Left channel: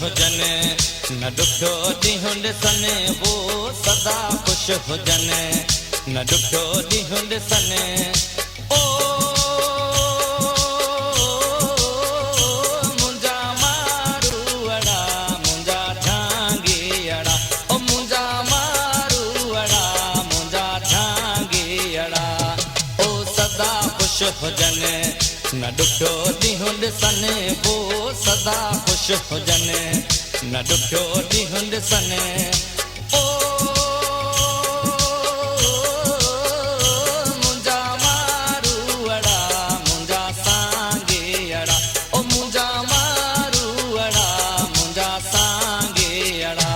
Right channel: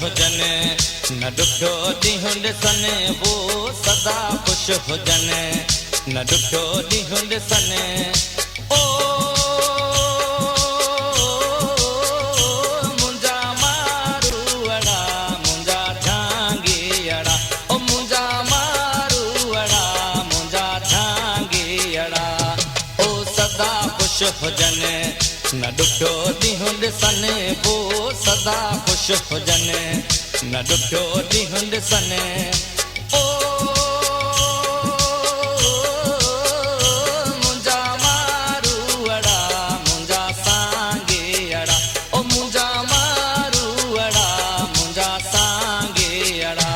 हुजने, न ॾुखियो ॾींहुं ॾिसने वो सदा ख़ुशि हुजनि, न ॾुखियो ॾींहुं ॾिसने। ओ मुंहिंजा मारूअड़ा मुंहिंजा झांगीअड़ा, ओ मुंहिंजा मारूअड़ा मुंहिंजा झांगीअड़ा, ओ सदा ख़ुशि हुजनि, न ॾुखियो ॾींहुं ॾिसने वो सदा ख़ुशि हुजनि, न ॾुखियो ॾींहुं ॾिसने। ओ मुंहिंजा मारूअड़ा मुंहिंजा सांगीअड़ा, ओ मुंहिंजा मारूअड़ा मुंहिंजा सांगीअड़ा।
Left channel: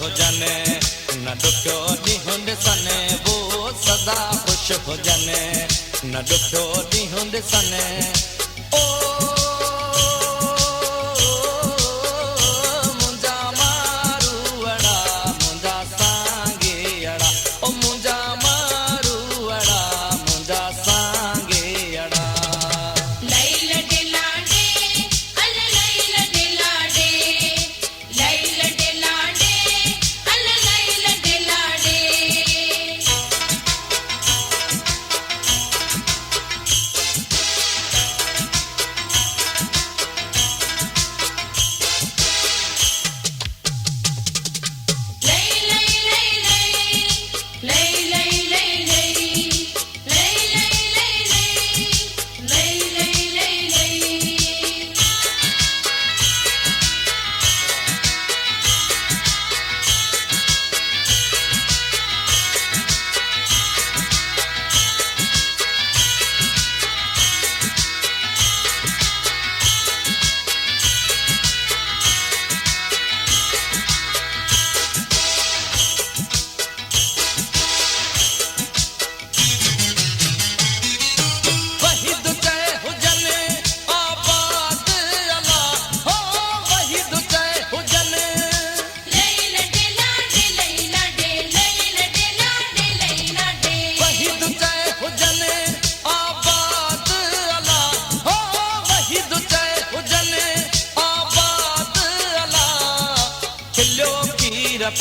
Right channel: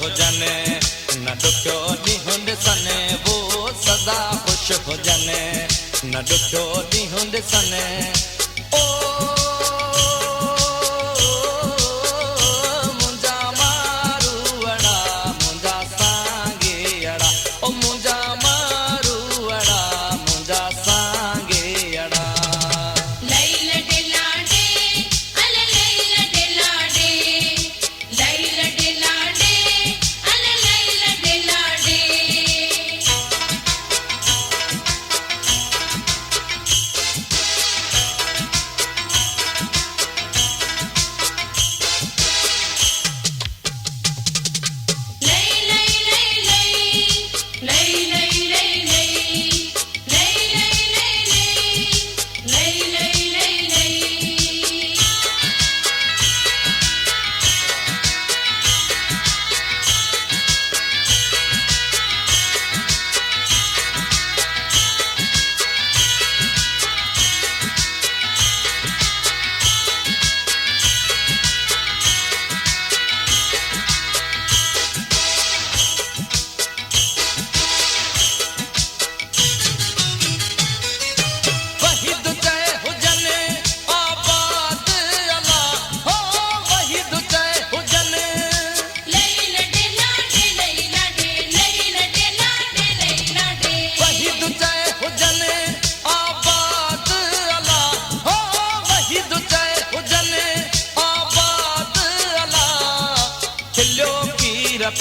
हुजने, न ॾुखियो ॾींहुं ॾिसने वो सदा ख़ुशि हुजनि, न ॾुखियो ॾींहुं ॾिसने। ओ मुंहिंजा मारूअड़ा मुंहिंजा सांगीअड़ा, ओ मुंहिंजा मारूअड़ा मुंहिंजा सांगीअड़ा।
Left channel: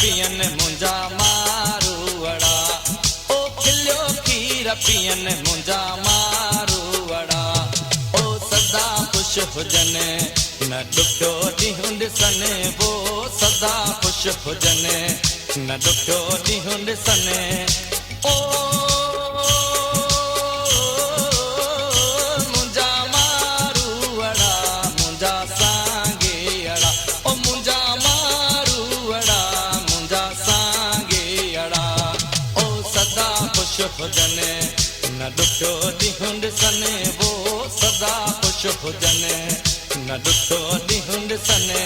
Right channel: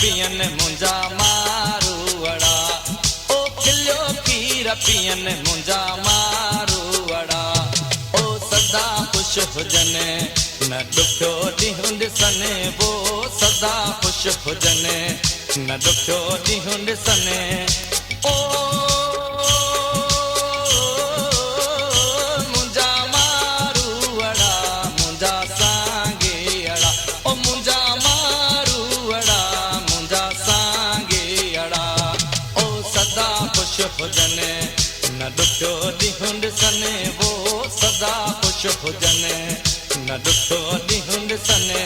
पियन मुंहिंजा मारूअड़ा, ओ खिलियो खीर पियन मुंहिंजा मारूअड़ा, ओ सदा ख़ुशि हुजनि, न ॾुखियो ॾींहुं ॾिसने वो सदा ख़ुशि हुजनि, न ॾुखियो ॾींहुं ॾिसने। ओ मुंहिंजा मारूअड़ा मुंहिंजा सांगीअड़ा, ओ मुंहिंजा मारूअड़ा मुंहिंजा सांगीअड़ा, ओ सदा ख़ुशि हुजनि, न ॾुखियो ॾींहुं ॾिसने वो सदा ख़ुशि हुजनि, न ॾुखियो ॾींहुं ॾिसने।